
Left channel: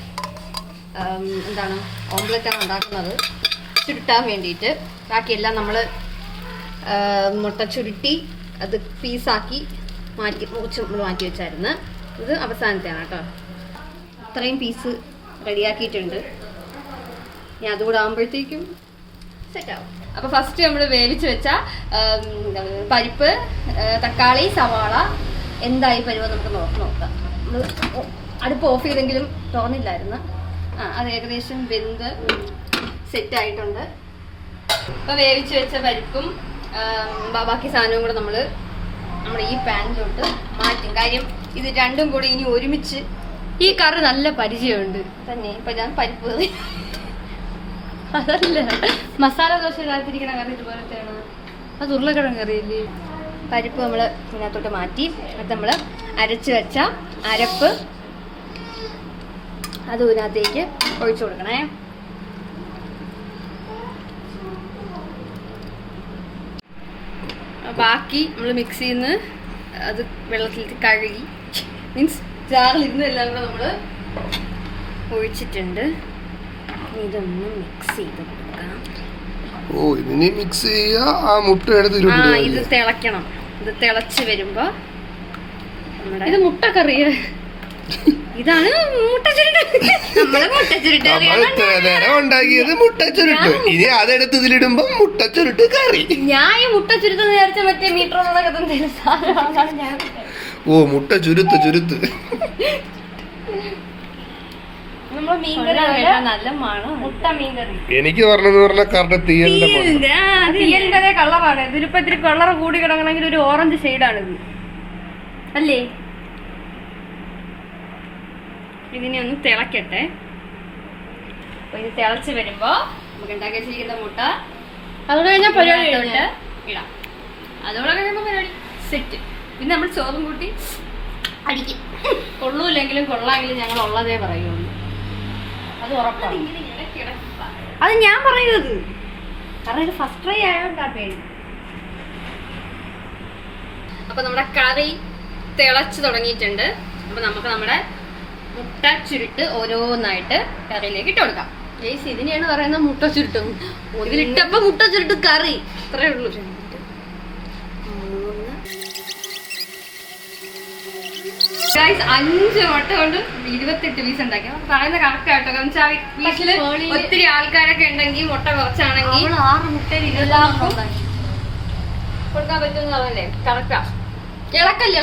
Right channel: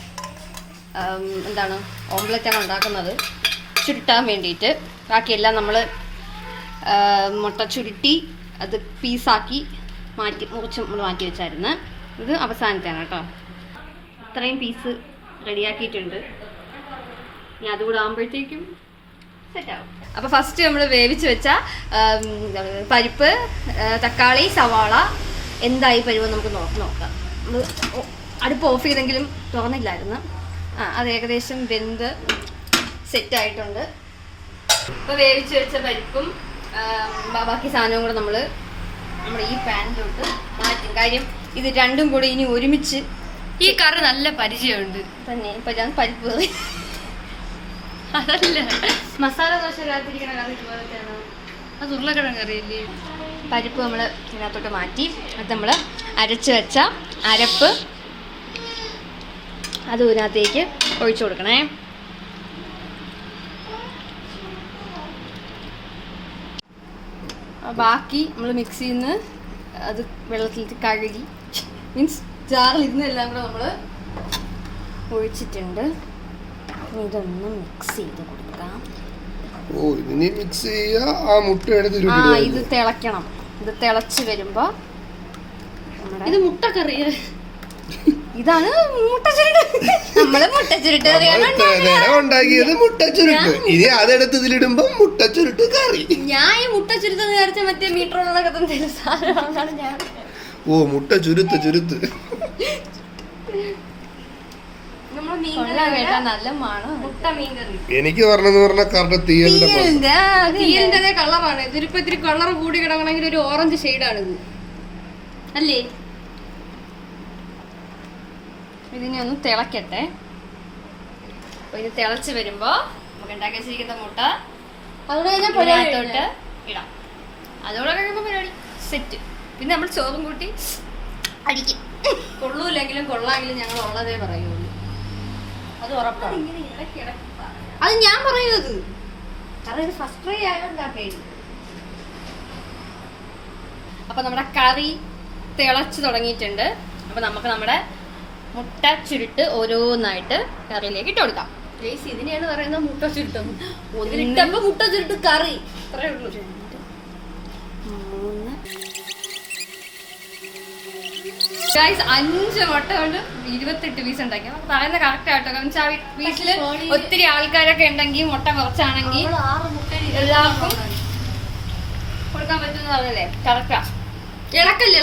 എന്താണ് ഓംലെറ്റാണ് ഉണ്ടാക്കുന്നത്. ചുരുട്ടാൻ വേണ്ടിയിട്ട് ബാക്കിയെല്ലാം നമ്മൾ മുട്ട ചുരുട്ടി അത് പീസാക്കി മുറിച്ച് നമ്മൾ മാറ്റി വെച്ചായിരുന്നു. ഇത് അവസാനത്തെയാണ് കേട്ടോ. ഇത്രയും പീസ് റെഡിയാക്കിയിട്ടുണ്ട്. ഇനി അതുകൂടെ ആകുമ്പോഴത്തേക്കും സെറ്റാവും. അപ്പൊ ഫസ്റ്റ് നമ്മൾ വേവിച്ച് വെച്ച പരിപ്പ്, തക്കാളി, സവാള എന്തായി പരുവം നമുക്ക് നോക്കാം. അടുപ്പ് ഓഫ് ചെയ്തെങ്കിലും തുറന്നില്ലായിരുന്നു. അത് ഏകദേശം വെന്ത് സെറ്റായിട്ടുണ്ട്. ഇപ്പൊ വേവിച്ച് വെച്ച പരിപ്പും ബാക്കി സാധനവും കൂടെ നമ്മൾ നമ്മുടെ ഈ പാനിലോട്ട് മാറ്റും. കാര്യം ഇത് രണ്ടും കൂടി ഇനി ഒരുമിച്ച്, ഈ കറി നല്ല പരിചയമുണ്ട് തന്നെ. ഇപ്പൊ ഞാൻ പരിപ്പ് കറി അതല്ല മസാല ദോശ ഇല്ലാതിരിക്കണ കറി ഇതുപോലത്തെയാണ്. അത് ഉരുളക്കിഴങ്ങ് കറിയല്ലേ. പരിപ്പ് നമ്മൾ ഇതിനകത്തോട്ട് മാറ്റി അത് നമ്മൾ അരച്ച് വെച്ച അരപ്പ് അത് ഇതിനകത്തേക്ക് ഒഴിച്ചു കൊടുക്കണേ. ബാക്കി നമ്മൾ മിക്സിയിൽ നിന്ന് അത് വെള്ളത്തിൽ കഴുകി മീൻസ് ജാറിലിരുന്ന് എല്ലാം കൂടെ നമ്മൾ ഒഴിച്ചിട്ടുണ്ട്. ഇതൊന്ന് മിക്സ് ചെയ്ത് കൊടുക്കാം. ഓ ഇതിനി മിക്സ് ചെയ്യാ. ആ മുട്ട എടുത്ത് ഇത് തിളക്കണം. ഇത് തിളച്ച് വരുമ്പോ ഇത് മുട്ടക്കറിയ ഇതാണ് നമ്മള് മുട്ടച്ചുരുട്ട് ഉണ്ടാക്കിയത് മുട്ടച്ചുരുട്ട്. ഇനി അതെടുത്ത് ഇതിലിടുമ്പോ മുട്ടച്ചുരുട്ട് കറി. ഞാൻ ഈ മുട്ടച്ചുരുത്ത് നേരത്തെ മറ്റേ മീറ്ററോളൊക്കെ സാധനമാണ് ഞാൻ. ഓ മുട്ട ചുരുത്ത് ചുരുത്ത്. നല്ല മണം മുട്ട മീൻകറി. എനിക്ക് പറഞ്ഞ കറക്റ്റ് തീയലിന്റെ കളറാണ്. ഇതിലിപ്പോ ഇത്തിരി കളർ കൂടി കിടക്കണമെങ്കിൽ ഒരു ഓറഞ്ച് ഷെയ്ഡാണിത് അല്ലേ. ഇതിനെ ഒന്ന് തിളക്കട്ടെ. അപ്പൊ ഇത് തിളച്ച് വരുമ്പോ നമുക്ക് ഉണ്ടാക്കി വെച്ചിരിക്കുന്ന മുട്ട അതോടെ കഴിഞ്ഞാൽ പരിപാടിയോട്ട് ഇടാം. അതോടെ കഴിയുമ്പോൾ പരിപാടി സെറ്റ്. പിന്നെ നമ്മൾ ചോറും കൂട്ടി അടിക്കും. കൊള്ളൂല്ലെങ്കിലും കൊള്ളാമെങ്കിലും ഞങ്ങൾ ഉള്ളതേ പറയുള്ളൂ. അത് ഉറപ്പാണ്. അത് ഞാൻ പറയുന്നത് കാരണം ഇത് ഫസ്റ്റ് ട്രൈ ആയതുകൊണ്ടാ പേര്. അപ്പൊ നമ്മുടെ കറി തിളച്ച് തുടങ്ങിയിട്ടുണ്ട്. അപ്പൊ നമുക്ക് നമ്മുടെ മുട്ട ചുരുട്ട് ഓരോന്നായിട്ട് കറിയിലേക്ക് ഇട്ട് കൊടുക്കാം. ഇതിനെയാണ് പറയുന്നത് മുട്ട ചുരുട്ടും. ഇതിലിട്ടപ്പോ മുട്ട ചുരുട്ട് കറി ഇത്രേ ഉള്ളൂ. 2, 3 5 മുട്ട കൊണ്ട് 28 പീസ് ഉണ്ടാക്കി. പറയുന്നത് കറക്റ്റ് ആയിട്ടോ. കാരണം വെച്ചാൽ വീട്ടില് ഒത്തിരി ആൾക്കാരൊക്കെ ഉണ്ടെങ്കിൽ മുട്ട കുറച്ചാണെങ്കിൽ 6 മുട്ട എല്ലാവർക്കും കൊടുക്കാൻ പറ്റുമെന്ന് പറഞ്ഞല്ലേ. കറക്റ്റാ. ഇളക്കല്ലേ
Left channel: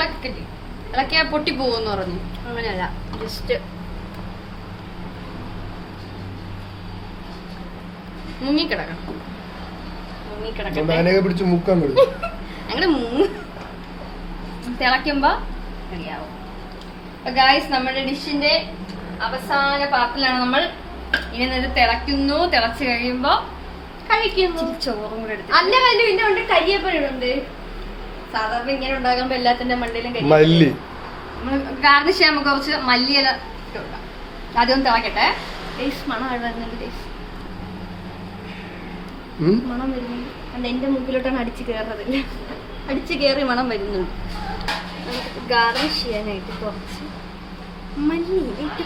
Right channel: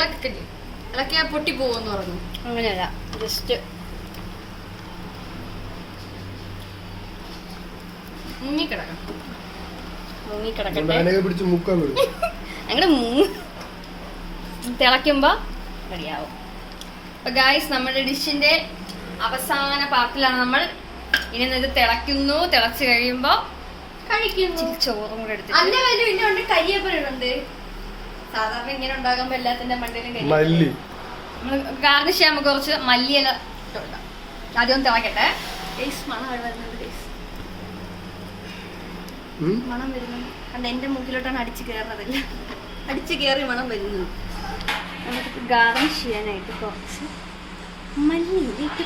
ഇളക്കിയാ പൊട്ടി പോകുമെന്ന് പറഞ്ഞു. അങ്ങനെയല്ല, ജസ്റ്റ് മുങ്ങിക്കിടക്കട്ടെ. അങ്ങനെ തിളയ്ക്കുമ്പോ റെഡിയാവും. അപ്പൊ ഗായ്സ് നമ്മുടെ ഡിഷിന്റെ അവസാന പാർട്ടിലാണ് നമ്മൾ. ഇനി ഇത് തിളയ്ക്കുന്നു. തിളച്ച് കഴിയുമ്പോ കഴിക്കുന്നു. ചോറും കൂടെ എടുത്ത് അല്ല വല്ലതും ഇന്നുണ്ട്. കരിയപ്പനുണ്ട്. സാധാരണ ഇങ്ങനെ ഉണ്ടാകുമ്പോ എല്ലാത്തിന്റെ മണ്ടയിലും കരിയ. നമ്മൾ ഗാർണിഷ് ചെയ്യുമ്പോൾ കുറച്ച് മല്ലിയില ഇട്ട് കൊടുക്കാം. ആദ്യം ഒന്ന് തിളക്കട്ടെ. മണം വരുന്നുണ്ട്. മണം വരുന്നുണ്ട്. അല്ല എന്റെ മുക്കിലോട്ടാണ് അടിച്ചു കയറുന്നതില്ല. അടിച്ചു കയറി മണം വരുന്നുണ്ട്. നമുക്ക് ഗാർണിഷ് ചെയ്യാനായിട്ട് കുറച്ച് മല്ലിയില ഇട്ട്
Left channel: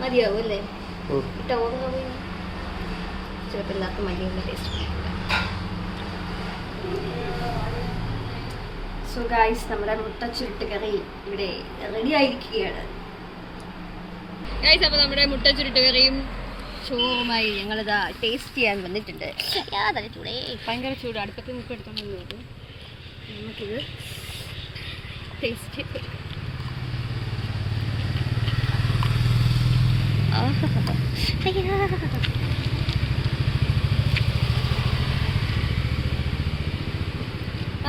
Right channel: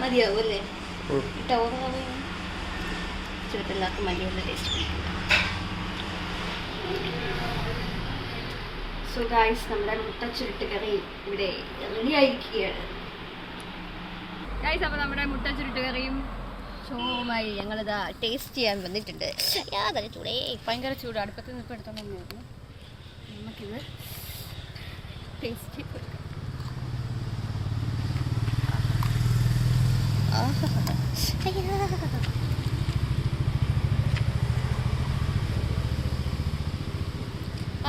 മതിയാവും അല്ലേ. ചെറുപ്പില്ലാത്ത മല്ലിയുള്ള ടേസ്റ്റ്. സോ ഗൈസ് നമ്മുടെ മുട്ട ചുരുട്ട് കറി ഇവിടെ റെഡി ആയിരിക്കുകയാണ്. ഗൈസ് അപ്പോൾ നമ്മുടെ മുട്ട ചുരുട്ട് കറിയും ഷോവുമായി ഞങ്ങളിതാ ടേസ്റ്റ് ചെയ്യാൻ വന്നിട്ടുണ്ട്. യാതൊരു ചൂടേ, ഭയങ്കര ചൂട്. അടുപ്പത്ത് നിന്ന് ഇപ്പോൾ എടുത്തോണ്ട് നോക്കും. നമുക്കിത് ടേസ്റ്റ്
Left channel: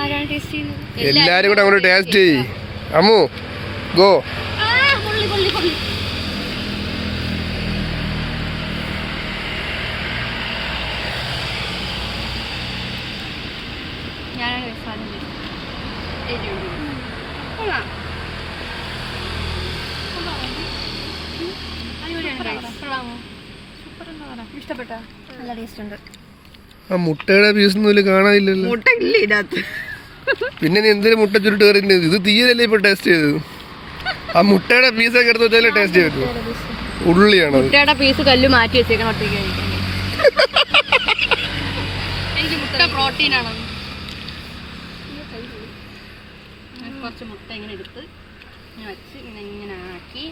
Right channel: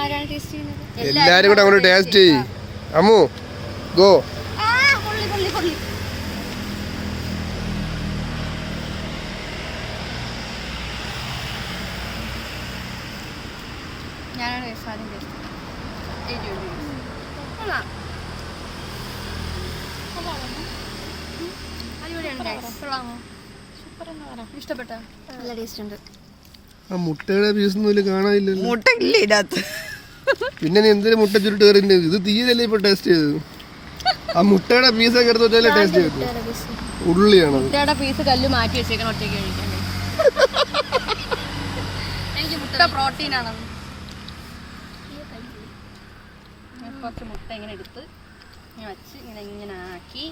ആരാണ് ടേസ്റ്റ് ചെയ്യുന്നത്? എല്ലാരും കൂടെ അങ്ങോട്ട് ടേസ്റ്റ് ചെയ്യ്. അമ്മു ഗോ. ഞാനാണ് ഇഷ്ടപ്പെട്ട നല്ല ടേസ്റ്റ് ഉണ്ട്. ആ മുട്ടയുടെ പീസ് ഒന്നും കാണാനില്ലല്ലോ. മുട്ട ഇല്ല ഇതിനകത്ത്. പിന്നെ നീ എന്തിനു മുട്ട ചുരുട്ട് കറിന്റെ ഇത് തീയലല്ലേ ഇപ്പൊ ടേസ്റ്റ് ചെയ്തത്? ആ മുട്ടയുടെ പീസൊക്കെ എടുത്ത് വെച്ചാലേ ടേസ്റ്റ് ചെയ്തു. ഉള്ളിയാണ് മുട്ടയുടെ പീസ് കല്ല് മാറ്റി വെച്ചേക്കണം. എനിക്ക് മുട്ട പ്രോട്ടീൻ ആണ്. കുറച്ച് മുട്ട ഇങ്ങനെ എടുത്ത് വെച്ച് ഇങ്ങനെ ആക്കി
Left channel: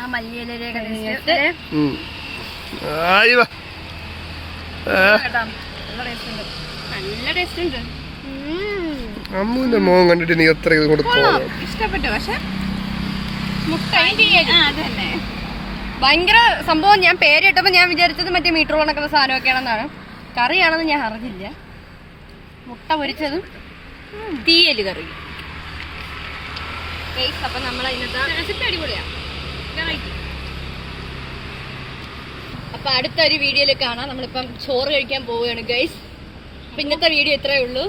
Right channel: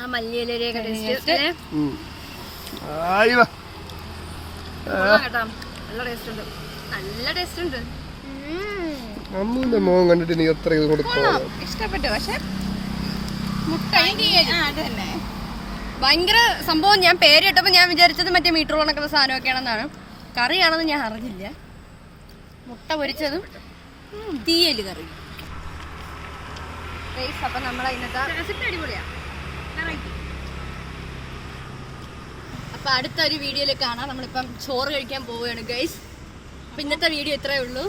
ആ മല്ലിയിലൊക്കെ ആയി വാ. കേട്ടോ നല്ല ടേസ്റ്റ് ഉണ്ട്. നല്ല ടേസ്റ്റ് ഉണ്ട്. അമ്മുവിന്റെ മോൻ കണ്ടിട്ട് നീ എത്ര ഇത് കൊടുക്കും? ഇഷ്ടപ്പെട്ടു. പക്ഷെ മുട്ട അതന്നെ ഭയങ്കര സംഭവം. ഞാൻ പേര് കേട്ടപ്പോൾ ഞാൻ വിചാരിച്ചത് മറ്റേ മീറ്റർ കണക്കുന്ന സാധനമൊക്കെയാണെന്നാണ്. കറിയാണെന്ന് ഞാൻ അറിഞ്ഞില്ല. മുട്ട പൊരിച്ചതും തീയല് കറി. അപ്പൊ നമ്മളെ ഇന്നത്തെ അടിപൊളിയാ. അപ്പൊ അടുത്തൊരു വീഡിയോയിൽ കാണാം. നമ്മളിപ്പം ചോറ് കഴിക്കാൻ പോവുകയാണ് ഗൈസ്. അപ്പൊ ഇന്നത്തെ വീഡിയോ ഇത്രയേ ഉള്ളൂ.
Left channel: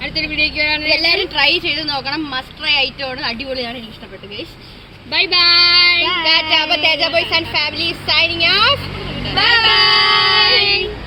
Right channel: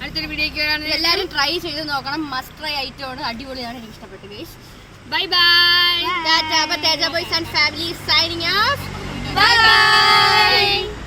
അടുത്തൊരു വീഡിയോയ്ക്ക് എല്ലാവരും ട്രൈ ചെയ്ത് നോക്കണം. മസ്റ്റ് ട്രൈ ഐറ്റം ആണ്. അടിപൊളിയാണ്. എനിക്ക് ഇഷ്ടപ്പെട്ടു guys. Bye bye. Teja boys and family signing off. Bye bye.